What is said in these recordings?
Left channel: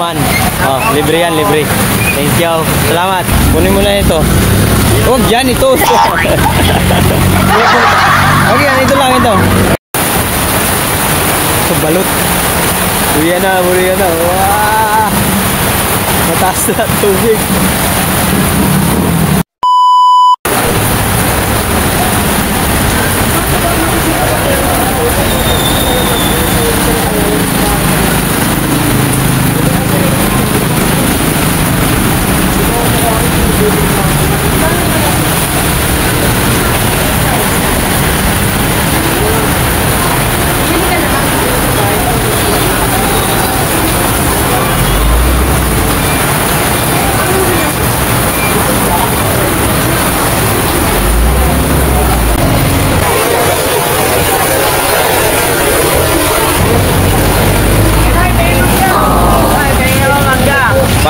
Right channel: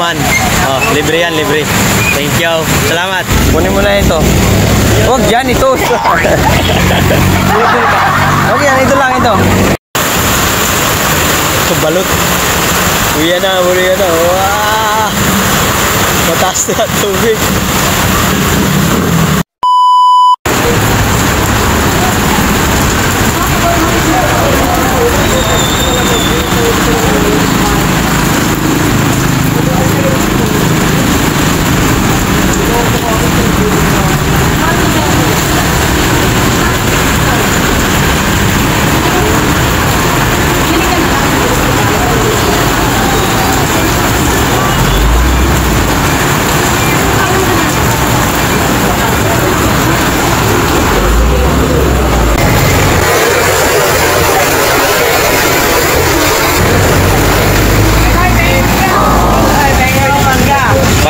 Guzman. Oh, libre yan, libre. Thank you. Salamat. Kunin mo na ito. Huwag yan, ito. Okay, ito lang ito. Ito, balot. Buya na. Wow! Mataas na tubig.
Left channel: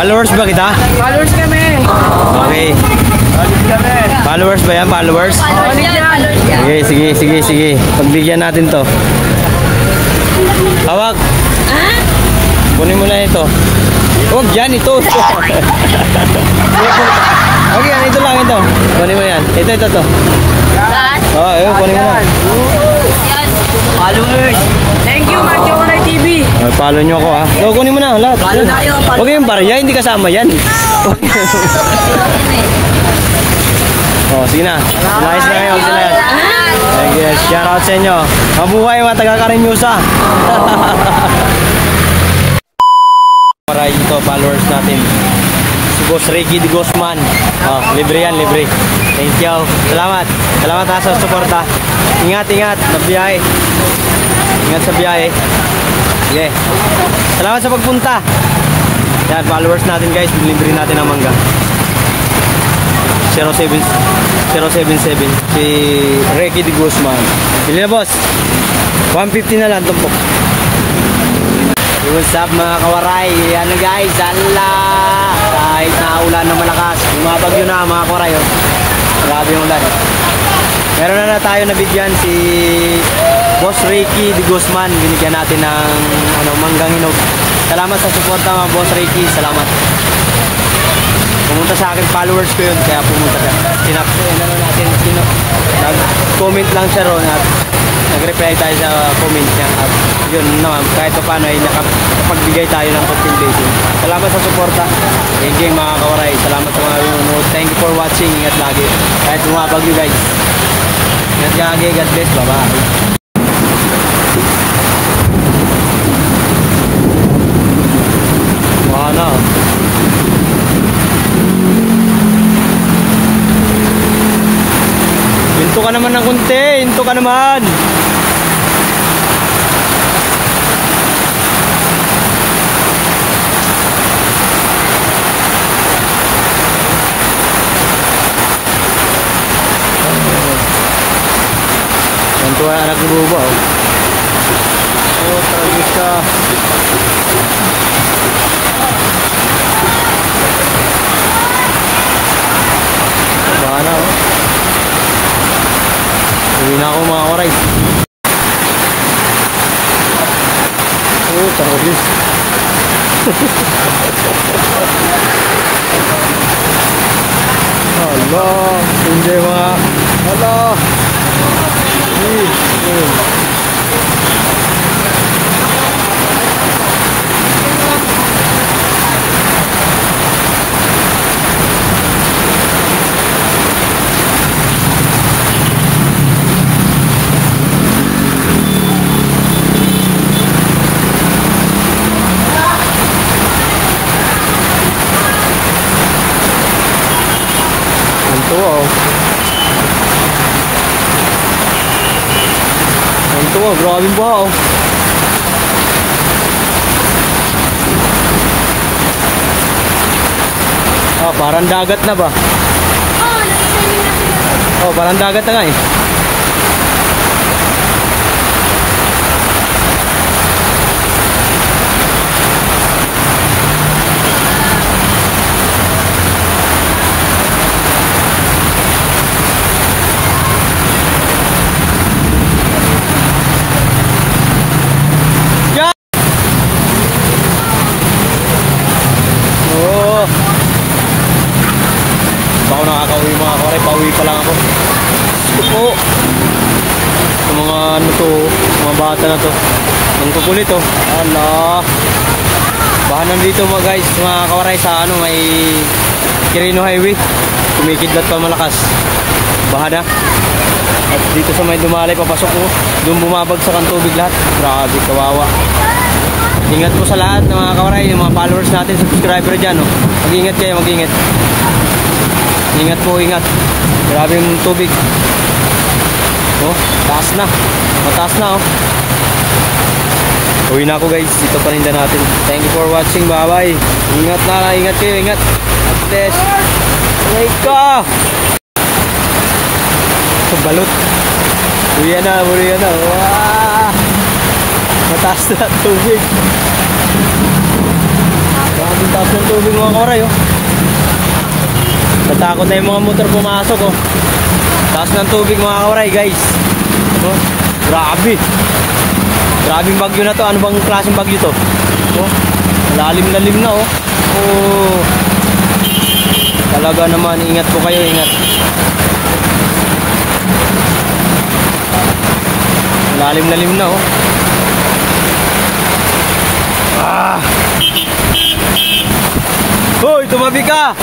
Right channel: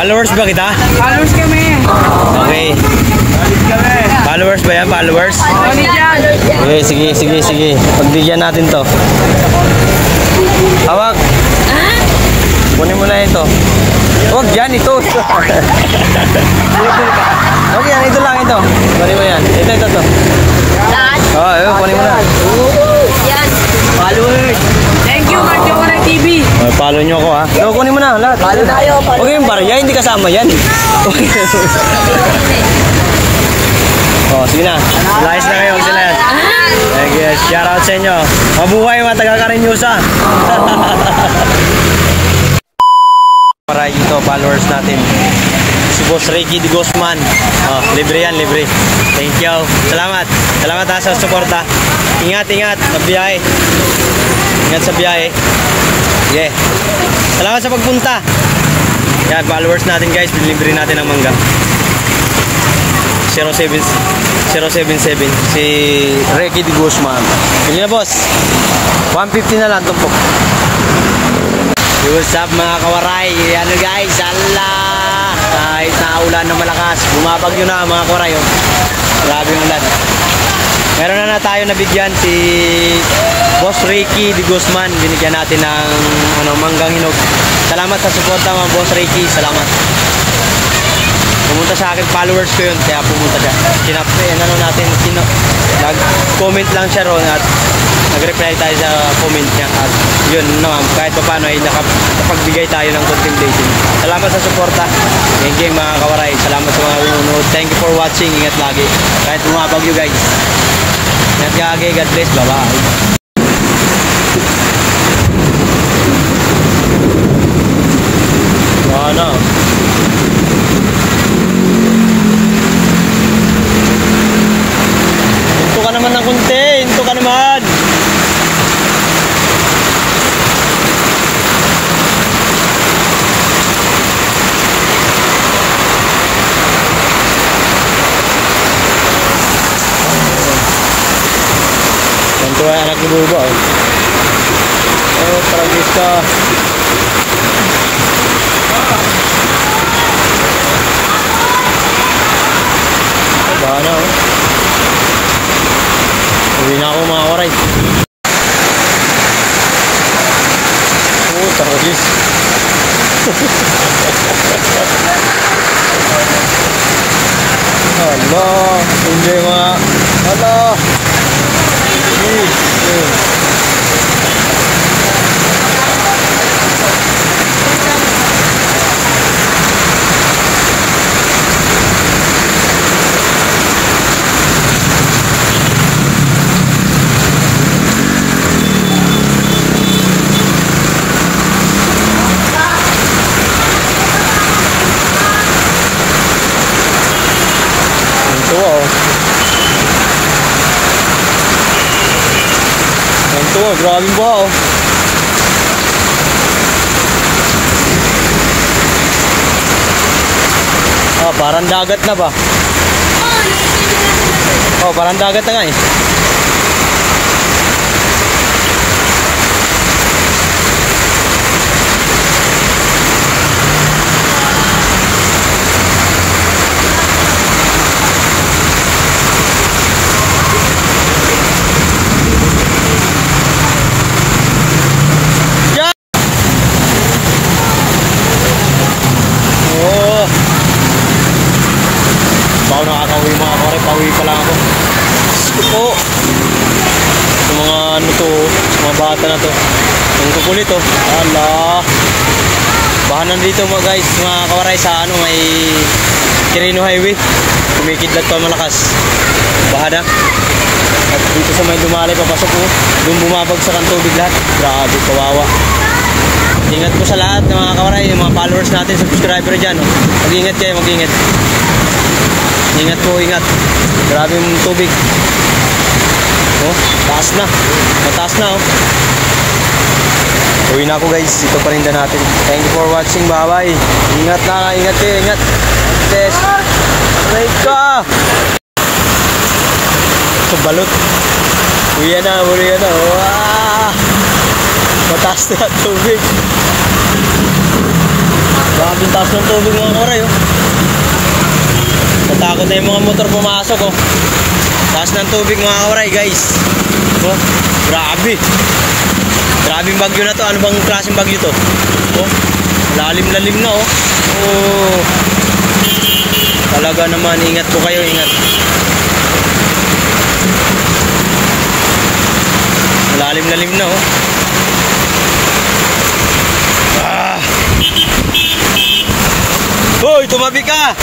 Followers ba kita? Followers kami. Okay. Followers ba yan? Followers? Okay, sige. Pagbigyan natin to. Hawak. Kunin mo na ito. Huwag yan, ito. Okay, ito lang ito. Kunin mo yan. Ito. Oh, kunin mo na. Yan. Followers. Thank you, Marco Waray TV. Follow nyo ako ha. So, kunin mo na lahat. Follow na kayo. Huwag yung barya, hindi kasama yan. Oh, sige na. Silayas na kayo, silayas. Yes, shout out sa inyo. Mabuhay mga taga-Cariñusa. Maray ito, followers natin. Si Boss Ricky de Guzman. Oh, libre yan, libre. Thank you. Salamat. Salamat ha sa suporta. Ingat sa biyahe. Ingat sa biyahe. Yeah. Salamat sa pagpunta. Yan, followers natin guys. Libre natin ang mangga. 077 si Ricky de Guzman. Bili na boss. 150 na lang tumpok. What's up mga kawaray? Ano guys, Allah! Kahit naulan na malakas, bumabagyo na mga kawaray. Oh. Grabe yung ulan. Meron na tayo nabigyan si Boss Ricky de Guzman. Binigyan natin ng manggang hinog. Salamat sa suporta mga Boss Ricky. Salamat. Pumunta sa akin, followers ko yun, kaya pumunta siya. Nag-comment lang siya ron at nag-reply tayo sa comment niya. At yun naman, kahit pa paano ay nakapagbigay tayo ng konting blessing. Salamat sa suporta. Thank you mga kawaray. Salamat sa mga nanonood. Thank you for watching. Ingat lagi. Kahit bumabagyo guys. Ingat lagi. God bless. Bye-bye. Ano? Hinto ka naman ng kunti. Hinto ka naman. Ganito ay anak ni Buba. Oh, tragis ka. Bahan na oh. Uwi na ako mga kawaray. Oh, tarogis. Hala, hindi mga. Hala. Wow. Ito, grabe ba oh. Oh, parang dagat na ba? Oh, parang dagat na nga eh. bata na to. Ang kukulit oh. Ala. Bahanan dito mga guys, mga kawaray sa ano may Quirino Highway. Kumikidlat pa malakas. Bahana. At dito sa may dumalay papasok ko, doon bumabagsak ang tubig lahat. Grabe, kawawa. Ingat po sa lahat ng mga kawaray, yung mga followers natin, subscriber dyan. Oh. Mag-ingat kayo, mag-ingat. Ingat po, ingat. Grabe yung tubig. Oh, taas na. Mataas na oh. Uwi na ako guys, ito paninda natin. Thank you for watching, bye-bye. Ingat na, ingat kayo, ingat. At aray ka! So, balot. Uwi na, uwi na. Wow! Mataas na tubig. Bakit taas ng tubig mga kawaray oh. Natakot na yung mga motor pumasok oh. Taas ng tubig mga kawaray guys. Oh, grabe. Grabe yung bagyo na to. Ano bang klaseng bagyo to? Oh, lalim-lalim na oh. Oh. Talaga naman, ingat po kayo, ingat. Lalim-lalim na oh. Ah. Hoy, tumabi ka.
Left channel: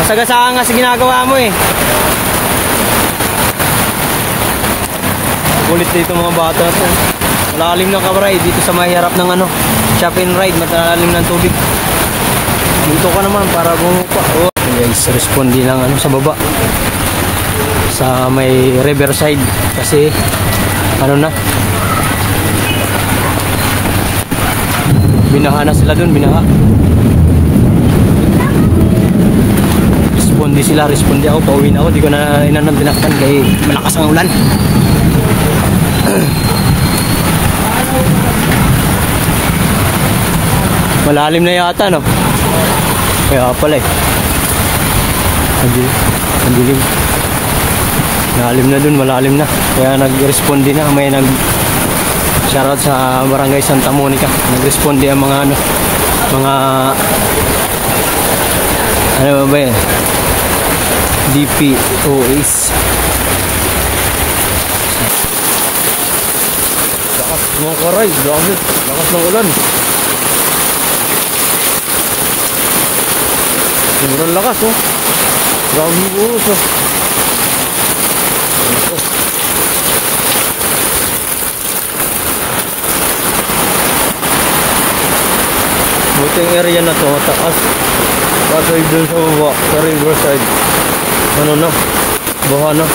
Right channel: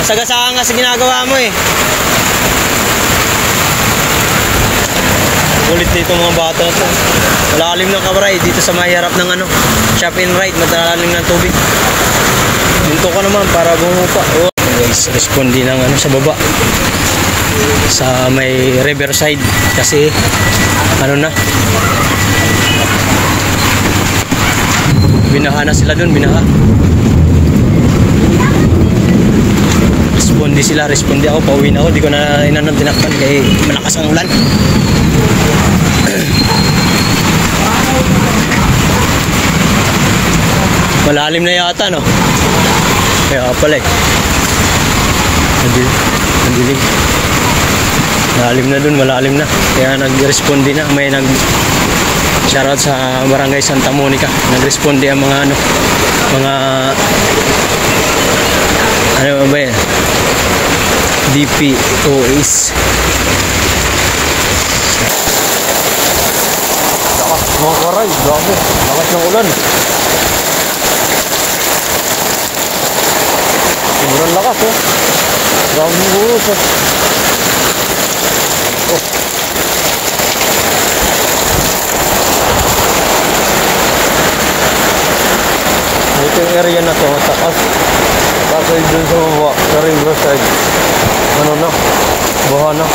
Masagasaan nga sa ginagawa mo eh. Kulit dito mga bata to. Malalim ng kawaray dito sa may harap ng ano, shop and ride, matalalim ng tubig. Dito ka naman para bumupa. Oh, guys, respondi ng ano sa baba. Sa may riverside kasi ano na. Binaha na sila doon, binaha. Respondi sila, respondi ako, pauwi na ako, di ko na inanong tinakpan kaya malakas ang ulan. Malalim na yata no? Kaya pala eh. Nandilim. Malalim na dun, malalim na. Kaya nag-respondi na, may shoutout sa Barangay Santa Monica. Nag-respondi ang mga ano, mga ano ba yan? DPOS. Lakas mga karay, grabe. Lakas ng ulan. Sobrang lakas oh. Grabe yung ulos oh. Oh. Ito yung area na ito, matakas. Kaso dun sa baba, sa riverside. Ano na? Baha na.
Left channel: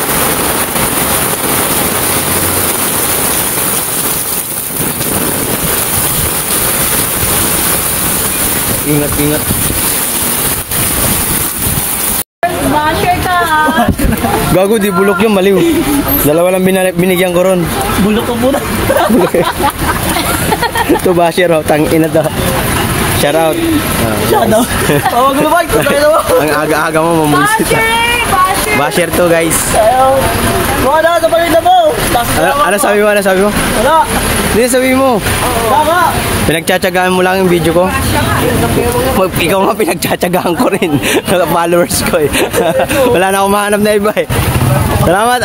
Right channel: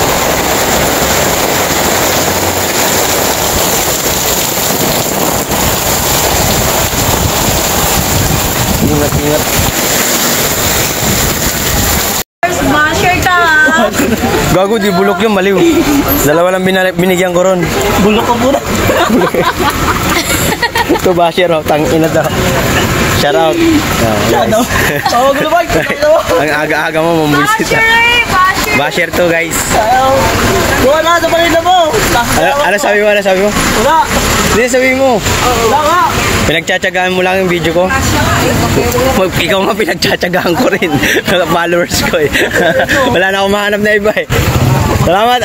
Ingat, ingat. Basher ka ha? Gago, di bulok yung maliw. Dalawa lang binigyan ko ron. Bulok ko pura. Ito basher oh, tangina daw. Shout out. Shout out. Tawag mo ba? Ang aga-aga mo mamulisit. Basher! Basher to guys. Buka na sa palinda mo. Ano sabi mo? Ano sabi mo? Wala. Hindi sabi mo. Wala ka. Pinagtsatsagaan mo lang yung video ko. Ikaw nga pinagtsatsagaan ko rin. Followers ko eh. Wala na akong mahanap na iba eh. Salamat.